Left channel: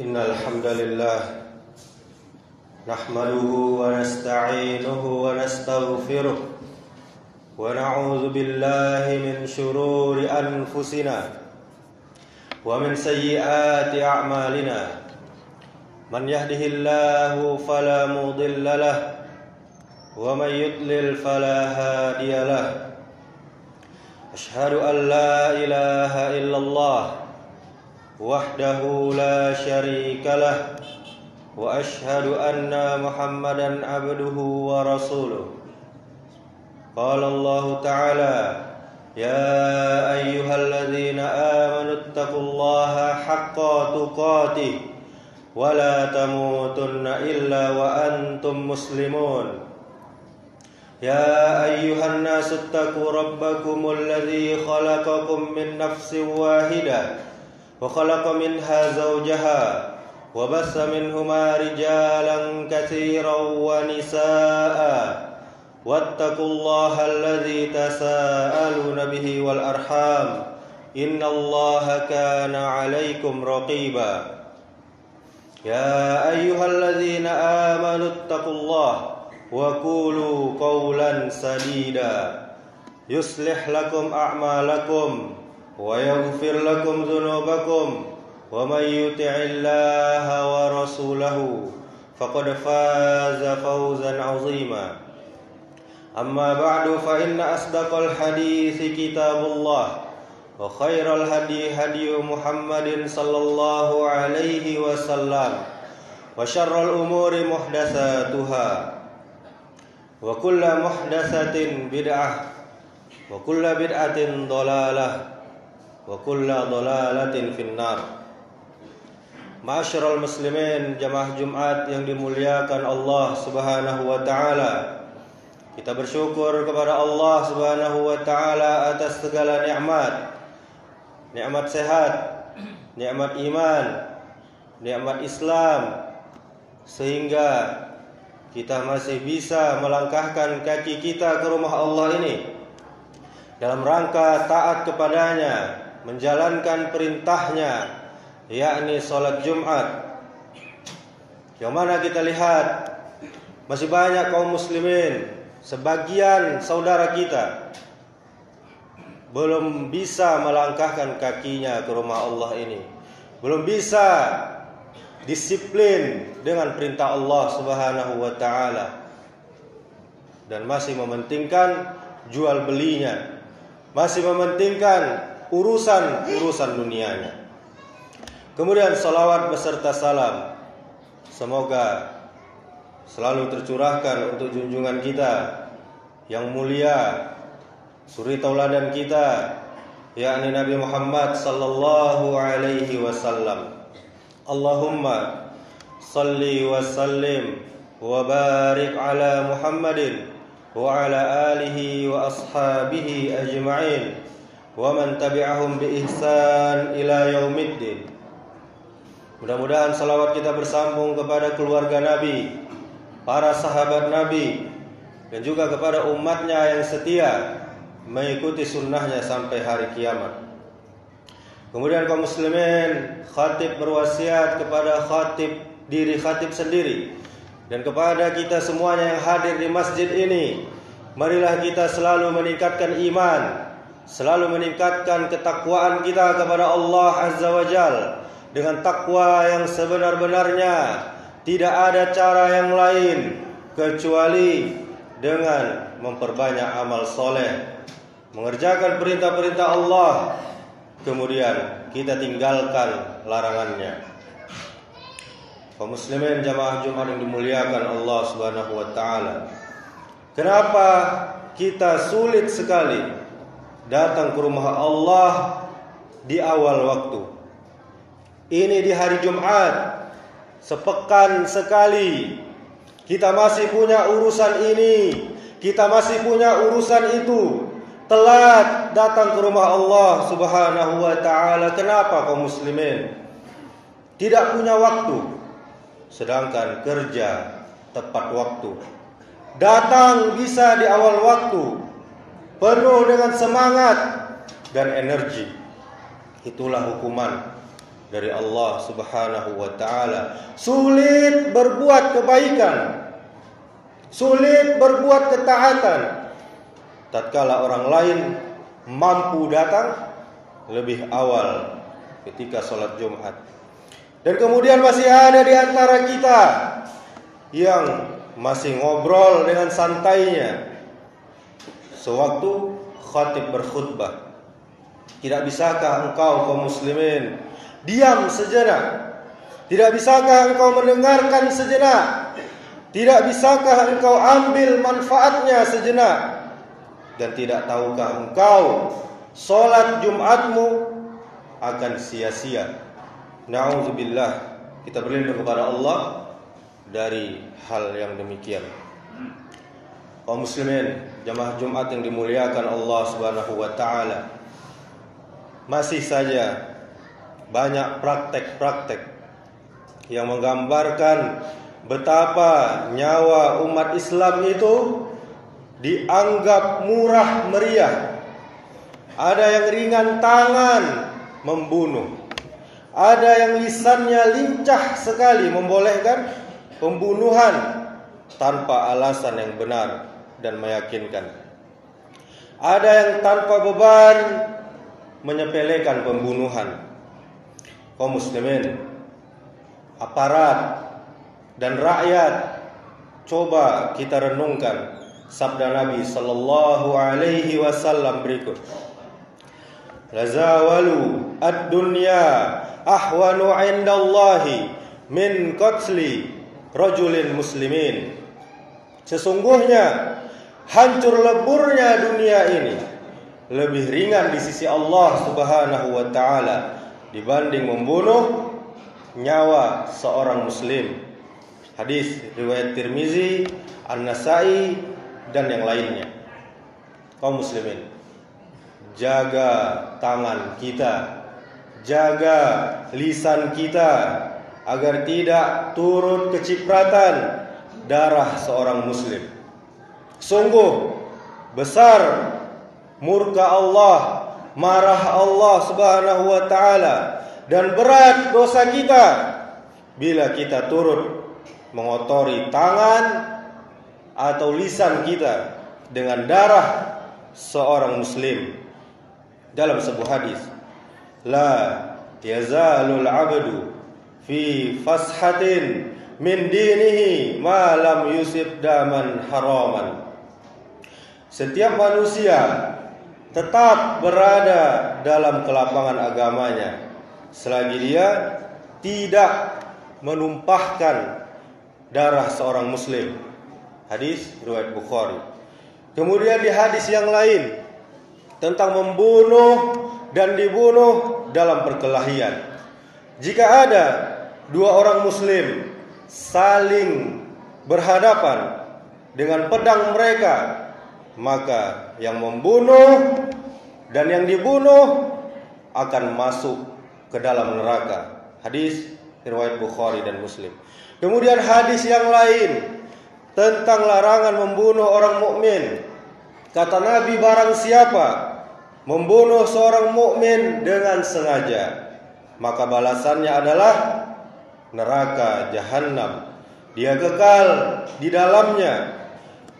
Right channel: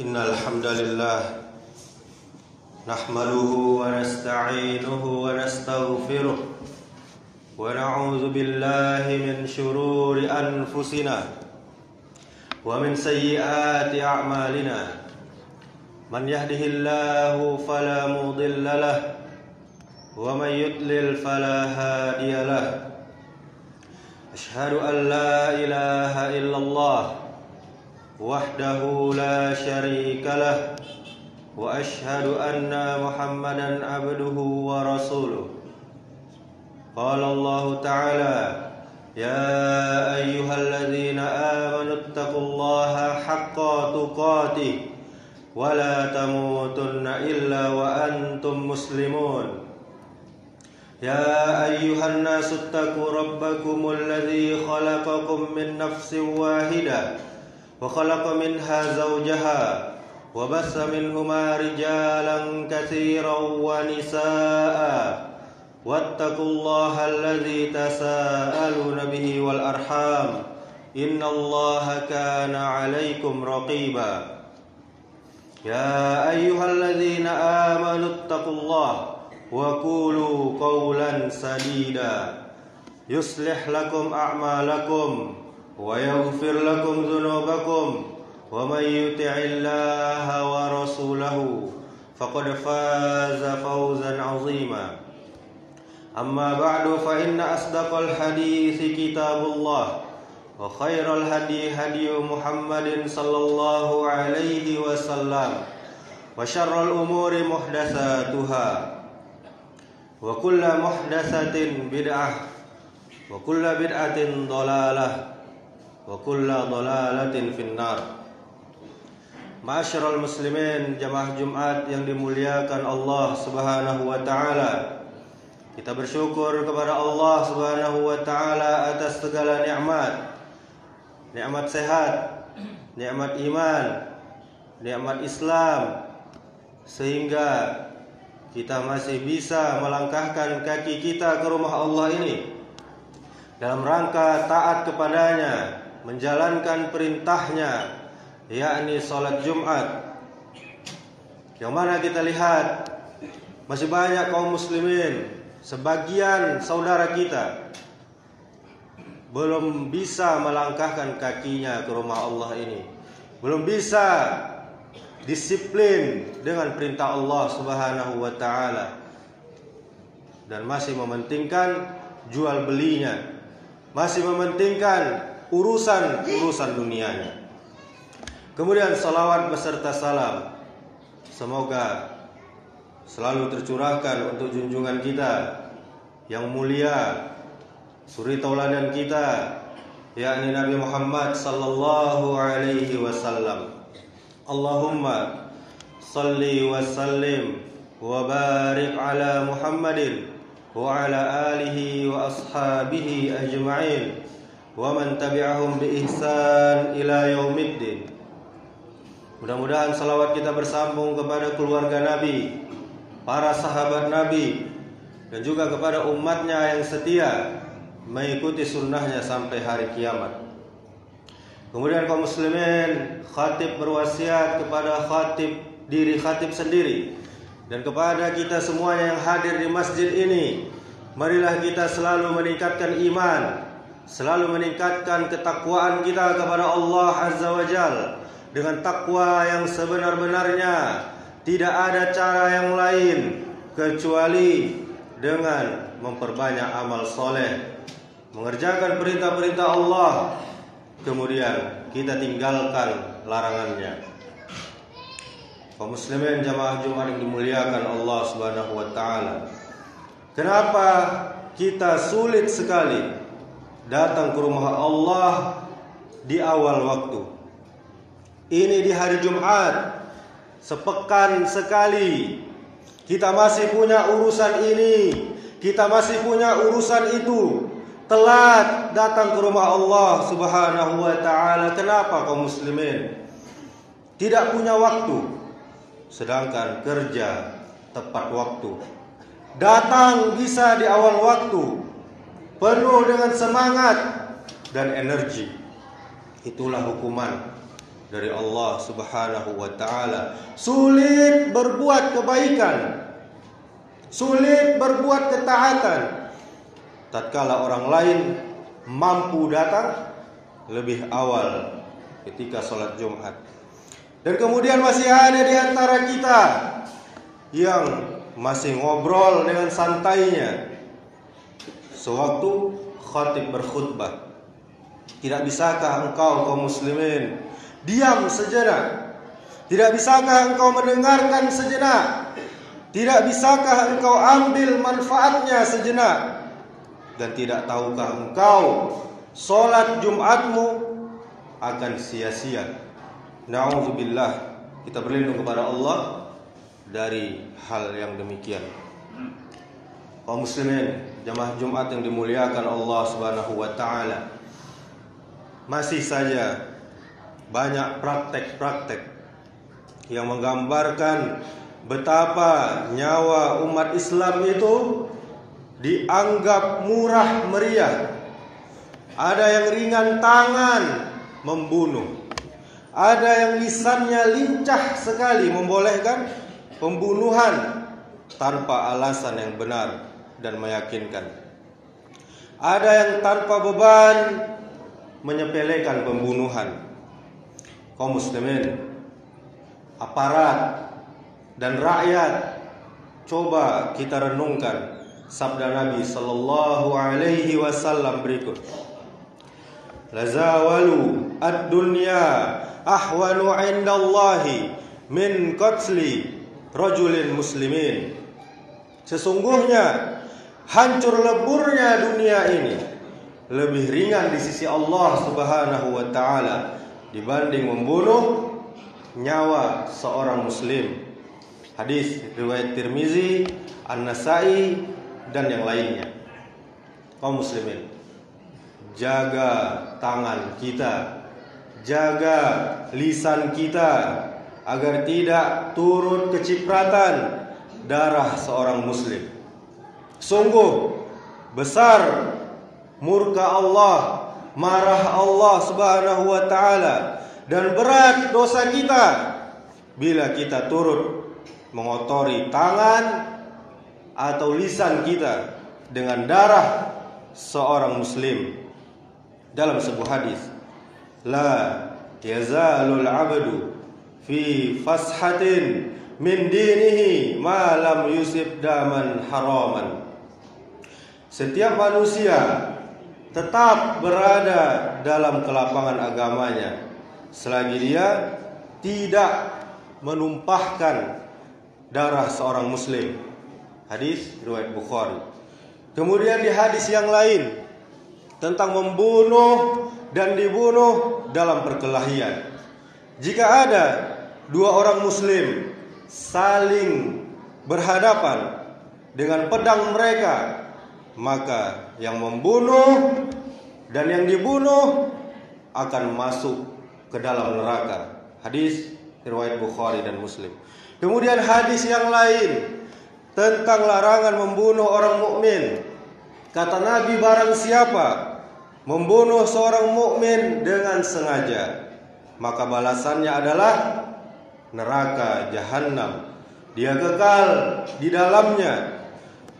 Innal hamdalillah nahmaduhu wa nasta'inuhu wa nastaghfiruh wa na'udzu billahi min shururi anfusina wa min sayyiati a'malina. Man yahdihillahu fala mudilla lahu wa man yudlil fala hadiya lahu. Ashhadu an la ilaha illallah wahdahu la syarika lah wa ashhadu anna Muhammadan abduhu wa rasuluh. Qala Allah ta'ala, ya ayyuhalladzina amanu taqullaha haqqa tuqatih wa la tamutunna illa wa antum muslimun. Ya ayyuhan nasu taqu rabbakumul ladzi khalaqakum min nafsin wahidah وخلق منها زوجها وبث منهما رجالا كثيرا ونساء واتقوا الله الذي تساءلون به والأرحام إن الله كان عليكم رقيبا. يا أيها الذين آمنوا اتقوا الله وقولوا قولا سديدا يصلح لكم أعمالكم ويغفر لكم ذنوبكم ومن يطع الله ورسوله فقد فاز فوزا عظيما. أما بعد فإن أصدق الحديث كتاب الله وخير الهدي هدي محمد صلى الله عليه وسلم وشر الأمور محدثاتها وكل محدثة بدعة وكل بدعة ضلالة wa kullu dhalalatin finnar. Ma'asyiral muslimin, jamaah Jumat yang dimuliakan Allah Subhanahu wa taala. Kita bersyukur kepada Allah Subhanahu wa taala atas segala nikmat. Nikmat sehat, nikmat iman, nikmat Islam, sehingga kita masih bisa melangkahkan kaki kita ke rumah Allah ini dalam rangka taat kepadanya, menjalankan perintahnya, yakni sholat Jumat. Yang mana kita lihat masih banyak kaum muslimin, sebagian saudara kita belum bisa melangkahkan kakinya ke rumah Allah ini, belum bisa disiplin dengan perintah Allah Subhanahu wa taala, dan masih mementingkan jual belinya, masih mementingkan urusan dunianya. Kemudian salawat beserta salam semoga selalu tercurahkan untuk junjungan kita yang mulia, suri tauladan kita, yakni Nabi Muhammad sallallahu alaihi wasallam. Allahumma salli wa sallim wa barik ala Muhammadin wa ala alihi wa ashabihi ajma'in wa man tabi'ahum bi ihsan ila yaumiddin. Mudah-mudahan salawat kita bersambung kepada keluarga Nabi, para sahabat Nabi, dan juga kepada umatnya yang setia mengikuti sunnahnya sampai hari kiamat. Kemudian kaum muslimin, khatib berwasiat kepada diri khatib sendiri dan kepada kita semuanya yang hadir di masjid ini, marilah kita selalu meningkatkan iman, selalu meningkatkan ketakwaan kita kepada Allah Azza wa Jalla dengan takwa yang sebenar-benarnya. Tidak ada cara yang lain kecuali dengan memperbanyak amal soleh, mengerjakan perintah-perintah Allah, kemudian kita tinggalkan larangannya. Kaum muslimin jamaah Jumat yang dimuliakan Allah Subhanahu wa taala, kenapa kita sulit sekali datang ke rumah Allah di awal waktu? Ini di hari Jumat, sepekan sekali kita masih punya urusan ini, kita masih punya urusan itu, telat datang ke rumah Allah Subhanahu wa taala. Kenapa kaum muslimin tidak punya waktu? Sedangkan kerja tepat waktu, datang bisa di awal waktu, penuh dengan semangat dan energi. Itulah hukuman dari Allah Subhanahu wa taala. Sulit berbuat kebaikan, sulit berbuat ketaatan tatkala orang lain mampu datang lebih awal ketika sholat Jumat. Dan kemudian masih ada di antara kita yang masih ngobrol dengan santainya sewaktu khatib berkhutbah. Tidak bisakah engkau kaum muslimin diam sejenak? Tidak bisakah engkau mendengarkan sejenak? Tidak bisakah engkau ambil manfaatnya sejenak? Dan tidak tahukah engkau sholat Jumatmu akan sia-sia? Na'udzubillah, kita berlindung kepada Allah dari hal yang demikian. Kaum muslimin, jamaah Jumat yang dimuliakan Allah Subhanahu wa taala, masih saja banyak praktek-praktek yang menggambarkan betapa nyawa umat Islam itu dianggap murah meriah. Ada yang ringan tangan membunuh, ada yang lisannya lincah sekali membolehkan pembunuhan tanpa alasan yang benar dan meyakinkan. Ada yang tanpa beban menyepelekan pembunuhan. Kaum muslimin, aparat dan rakyat, coba kita renungkan sabda Nabi sallallahu alaihi wasallam berikut. Lazawalu ad-dunya ahwanu 'indallahi min qatli rajulin muslimin. Sesungguhnya hancur leburnya dunia ini lebih ringan di sisi Allah Subhanahu wa taala dibanding membunuh nyawa seorang muslim. Hadis riwayat Tirmizi, An-Nasa'i dan yang lainnya. Kaum muslimin, jaga tangan kita, jaga lisan kita agar tidak turut kecipratan darah seorang muslim. Sungguh besar murka Allah, marah Allah Subhanahu wa taala, dan berat dosa kita bila kita turut mengotori tangan atau lisan kita dengan darah seorang muslim. Dalam sebuah hadis, la yazalul abdu fi fashatin min dinihi ma lam yusib daman haraman. Setiap manusia tetap berada dalam kelapangan agamanya selagi dia tidak menumpahkan darah seorang muslim. Hadis riwayat Bukhari. Kemudian di hadis yang lain tentang membunuh dan dibunuh dalam perkelahian. Jika ada dua orang muslim saling berhadapan dengan pedang mereka, maka yang membunuh dan yang dibunuh akan masuk ke dalam neraka. Hadis riwayat Bukhari dan Muslim. Kemudian hadis yang lain tentang larangan membunuh orang mukmin. Kata Nabi, barang siapa membunuh seorang mukmin dengan sengaja, maka balasannya adalah neraka jahanam. Dia kekal di dalamnya.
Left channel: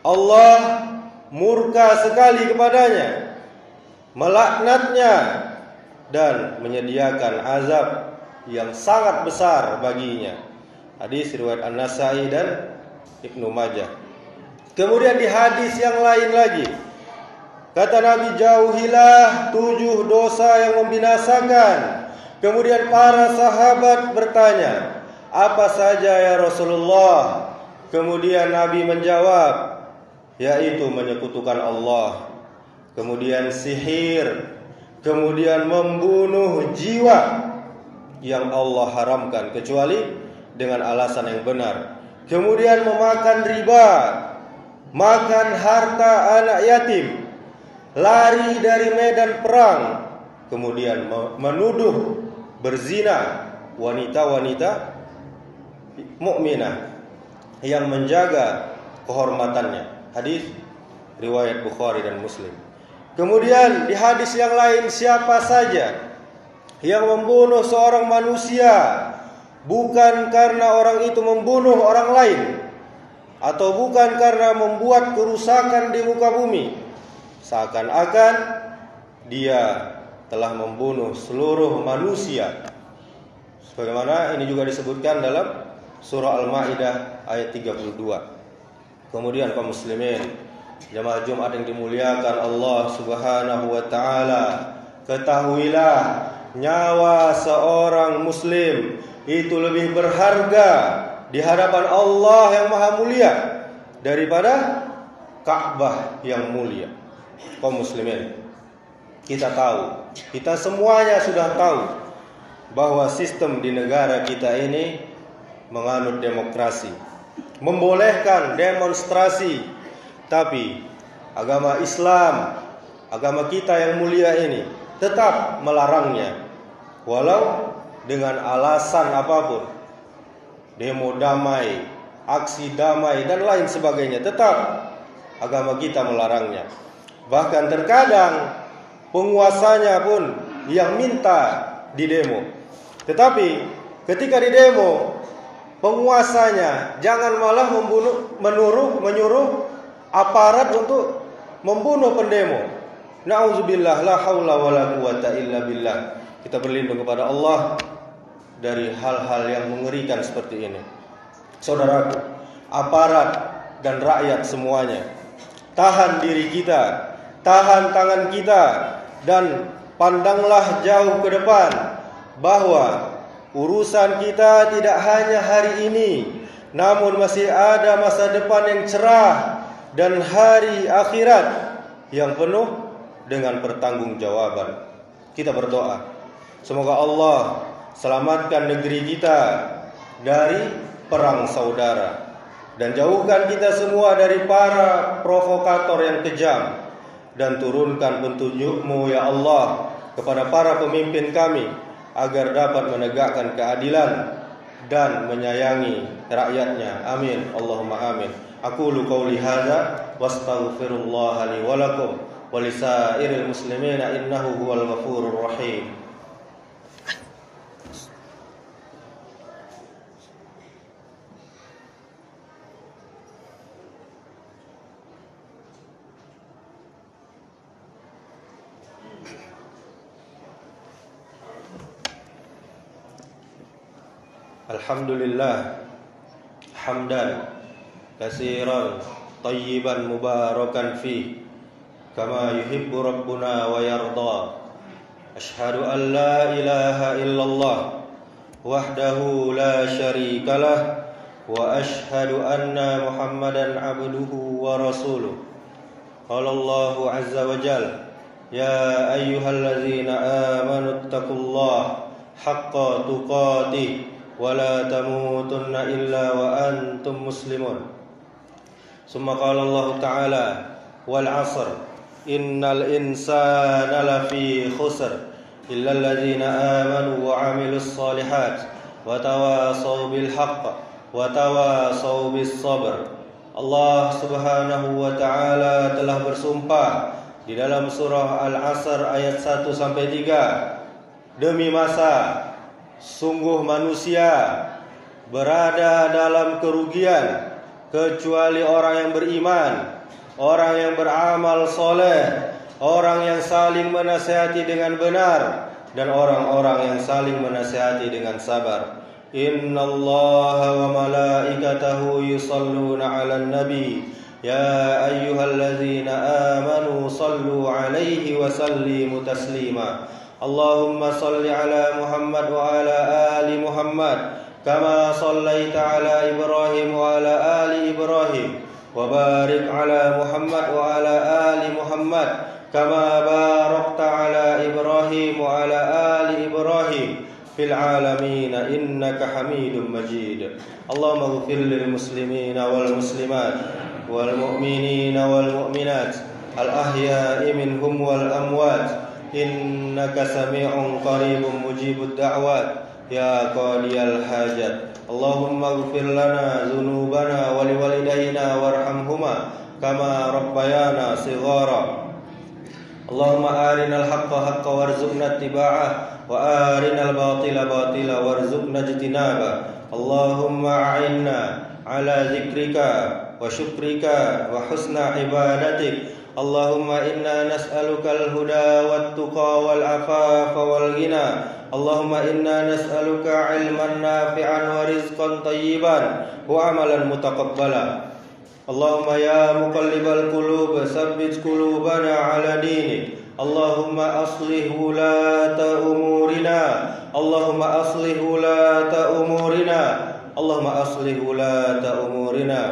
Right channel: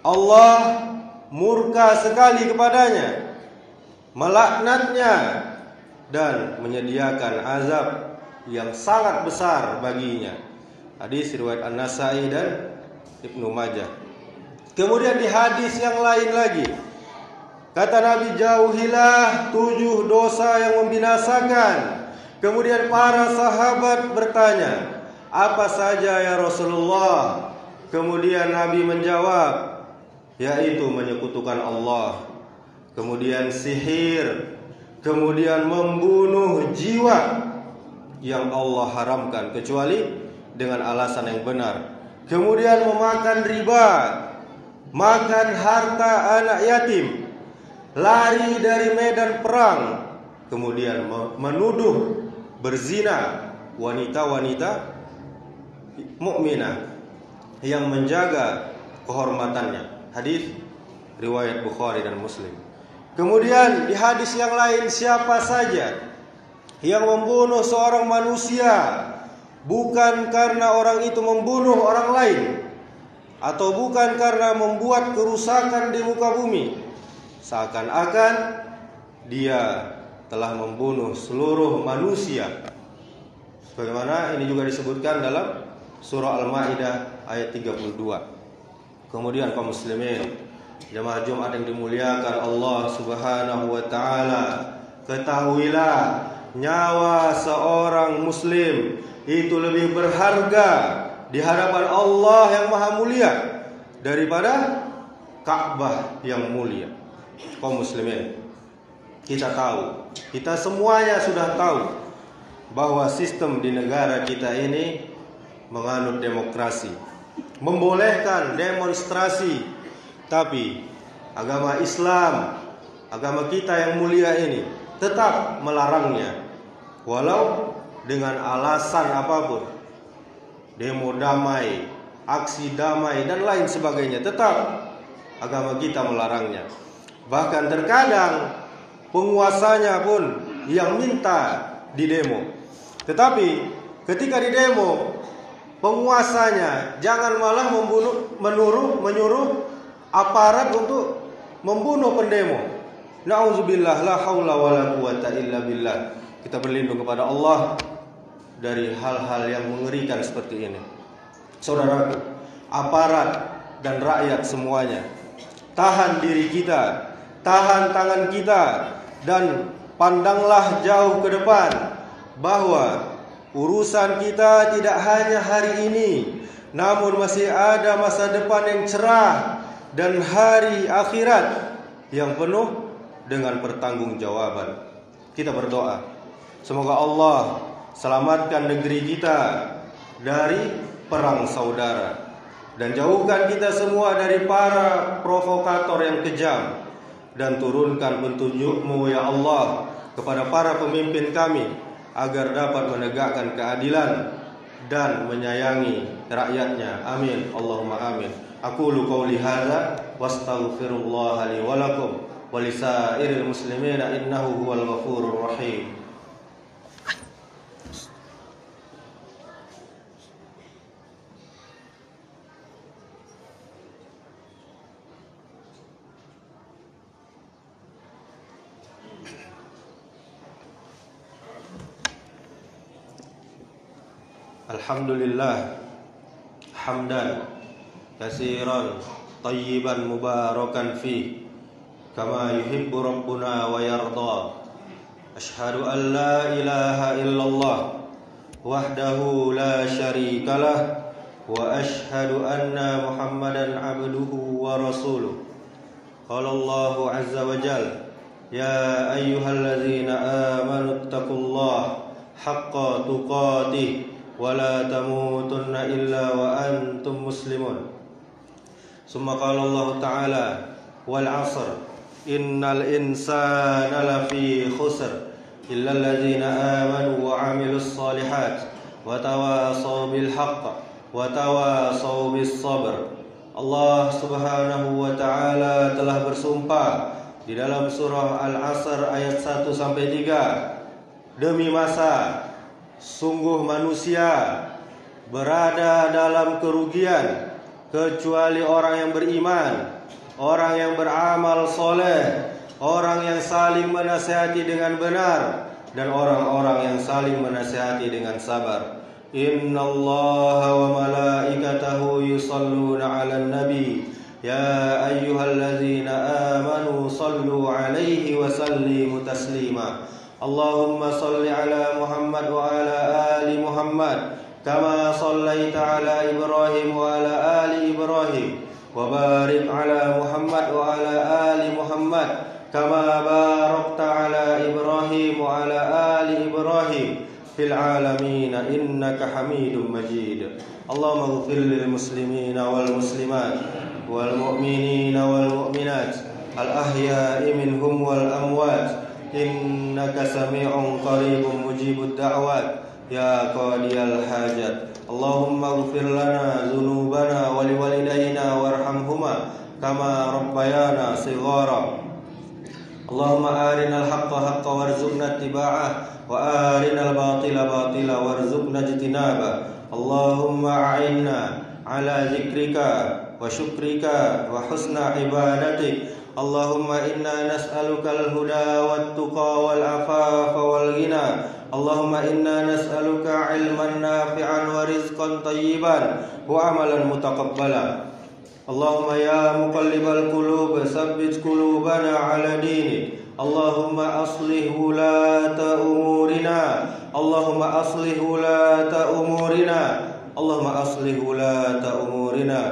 Allah murka sekali kepadanya, melaknatnya, dan menyediakan azab yang sangat besar baginya. Hadis riwayat An-Nasa'i dan Ibnu Majah. Kemudian di hadis yang lain lagi, kata Nabi, jauhilah 7 dosa yang membinasakan. Kemudian para sahabat bertanya, apa saja ya Rasulullah? Kemudian Nabi menjawab, yaitu menyekutukan Allah, kemudian sihir, kemudian membunuh jiwa yang Allah haramkan kecuali dengan alasan yang benar, kemudian memakan riba, makan harta anak yatim, lari dari medan perang, kemudian menuduh berzina wanita-wanita mukminah yang menjaga kehormatannya. Hadis riwayat Bukhari dan Muslim. Kemudian di hadis yang lain, siapa saja yang membunuh seorang manusia bukan karena orang itu membunuh orang lain, atau bukan karena membuat kerusakan di muka bumi, seakan-akan dia telah membunuh seluruh manusia. Sebagaimana ini juga disebutkan dalam surah Al-Maidah ayat 32. Kemudian kaum muslimin, jemaah Jumat yang dimuliakan Allah Subhanahu wa taala, ketahuilah nyawa seorang muslim itu lebih berharga di hadapan Allah yang Maha Mulia daripada Ka'bah yang mulia. Kaum muslimin, kita tahu, kita semuanya sudah tahu bahwa sistem di negara kita ini menganut demokrasi, membolehkan demonstrasi, tapi agama Islam, agama kita yang mulia ini tetap melarangnya, walau dengan alasan apapun. Demo damai, aksi damai, dan lain sebagainya, tetap agama kita melarangnya. Bahkan terkadang penguasanya pun yang minta di demo. Tetapi ketika di demo, penguasanya jangan malah menyuruh aparat untuk membunuh pendemo. Na'udzubillah, la haula wala quwata illa billah. Kita berlindung kepada Allah dari hal-hal yang mengerikan seperti ini. Saudaraku, aparat dan rakyat semuanya, tahan diri kita, tahan tangan kita, dan pandanglah jauh ke depan bahwa urusan kita tidak hanya hari ini, namun masih ada masa depan yang cerah dan hari akhirat yang penuh dengan pertanggungjawaban. Kita berdoa, semoga Allah selamatkan negeri kita dari perang saudara, dan jauhkan kita semua dari para provokator yang kejam, dan turunkan petunjuk-Mu ya Allah kepada para pemimpin kami agar dapat menegakkan keadilan dan menyayangi rakyatnya. Amin, Allahumma amin. Aqulu qawli hadza wastaghfirullah li wa lakum wa lisairil muslimina innahu huwal ghafurur rahim. Alhamdulillah hamdan katsiran tayyiban mubarakan fi kama yuhibbu rabbuna wa yarda. Asyhadu an la ilaha illallah wahdahu la syarikalah wa asyhadu anna Muhammadan abduhu wa rasuluh. Qala Allahu azza wa jalla, ya ayyuhalladzina amanu taqullaha haqqa tuqatih wala tamutunna illa wa antum muslimun. Summa qala Allah ta'ala, wal 'asr innal insana lafi khusr illa alladzina amanu wa 'amilus shalihat wa tawasaw bil haqq wa tawasaw bis sabr. Allah Subhanahu wa ta'ala telah bersumpah di dalam surah Al-'Asr ayat 1 sampai 3, demi masa sungguh manusia berada dalam kerugian kecuali orang yang beriman, orang yang beramal soleh, orang yang saling menasihati dengan benar, dan orang-orang yang saling menasihati dengan sabar. Innallaha wa malaikatahu yusalluna 'alan nabi ya ayyuhalladzina amanu sallu 'alaihi wa sallimu taslima. Allahumma salli ala Muhammad wa ala ali Muhammad kama sallaita ala Ibrahim wa ala ali Ibrahim wa barik ala Muhammad wa ala ali Muhammad kama barakta ala Ibrahim wa ala ali Ibrahim fil alamin innaka Hamidum Majid. Allahumma ighfir lil muslimina wal muslimat wal mu'minina wal mu'minat al ahya'i minhum wal amwat innaka sami'un qaribun mujibud da'wat ya qadiyal hajat. Allahumma ighfir lana dzunubana wa liwalidayna warhamhuma kama rabbayana shighara. اللهم أرنا الحق حقا وارزقنا اتباعه وأرنا الباطل باطلا وارزقنا اجتنابه اللهم أعنا على ذكرك وشكرك وحسن عبادتك اللهم إنا نسألك الهدى والتقى والعفاف والغنى اللهم إنا نسألك علما نافعا ورزقا طيبا وعملا متقبلا اللهم يا مقلب القلوب ثبت قلوبنا على دينك اللهم أصلح ولاة أمورنا اللهم أصلح ولاة أمورنا اللهم أصلح ولاة أمورنا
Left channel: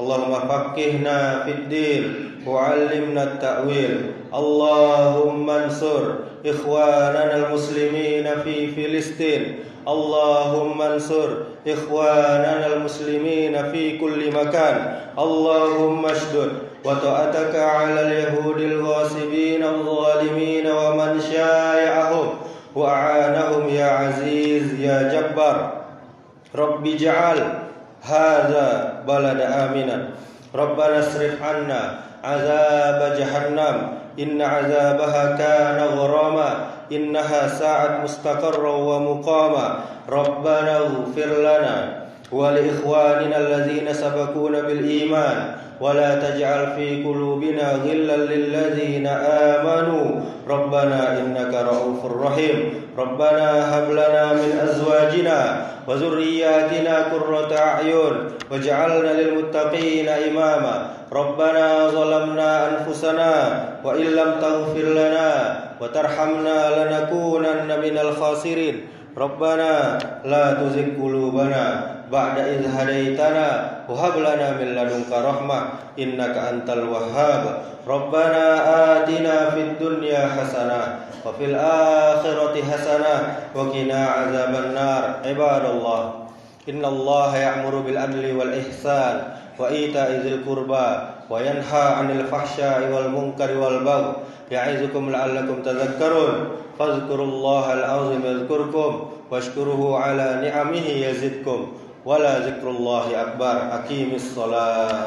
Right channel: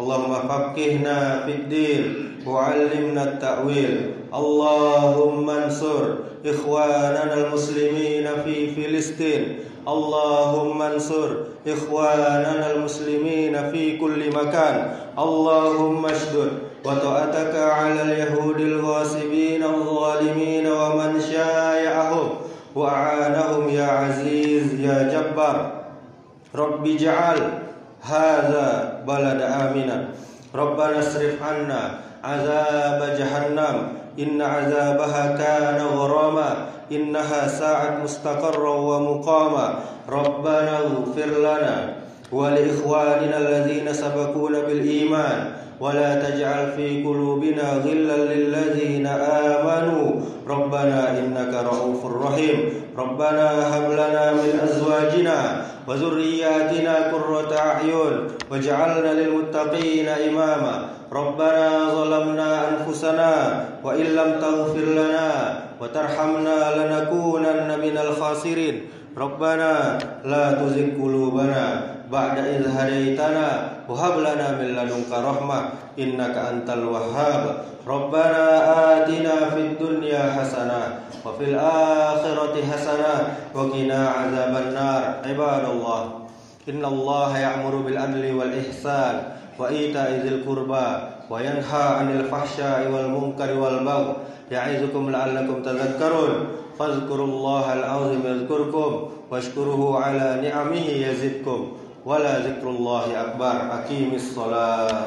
اللهم فقهنا في الدين وعلمنا التأويل اللهم انصر إخواننا المسلمين في فلسطين اللهم انصر إخواننا المسلمين في كل مكان اللهم اشدد وطأتك على اليهود الغاصبين الظالمين ومن شايعهم وأعانهم يا عزيز يا جبار رب اجعل هذا بلد آمنا ربنا اصرف عنا عذاب جهنم إن عذابها كان غراما إنها ساعت مستقرا ومقاما ربنا اغفر لنا ولإخواننا الذين سبقونا بالإيمان ولا تجعل في قلوبنا غلا للذين آمنوا ربنا إنك رؤوف رحيم ربنا هب لنا من أزواجنا وذرياتنا قرة أعين واجعلنا للمتقين إماما ربنا ظلمنا أنفسنا وإن لم تغفر لنا وترحمنا لنكونن من الخاسرين ربنا لا تزغ قلوبنا بعد إذ هديتنا وهب لنا من لدنك رحمة إنك أنت الوهاب ربنا آتنا في الدنيا حسنة وفي الآخرة حسنة وقنا عذاب النار عباد الله إن الله يأمر بالعدل والإحسان وإيتاء ذي القربى وينهى عن الفحشاء والمنكر والبغي يعظكم لعلكم تذكرون فاذكروا الله العظيم يذكركم واشكروه على نعمه يزدكم ولا ذكر الله أكبر أقيم الصلاة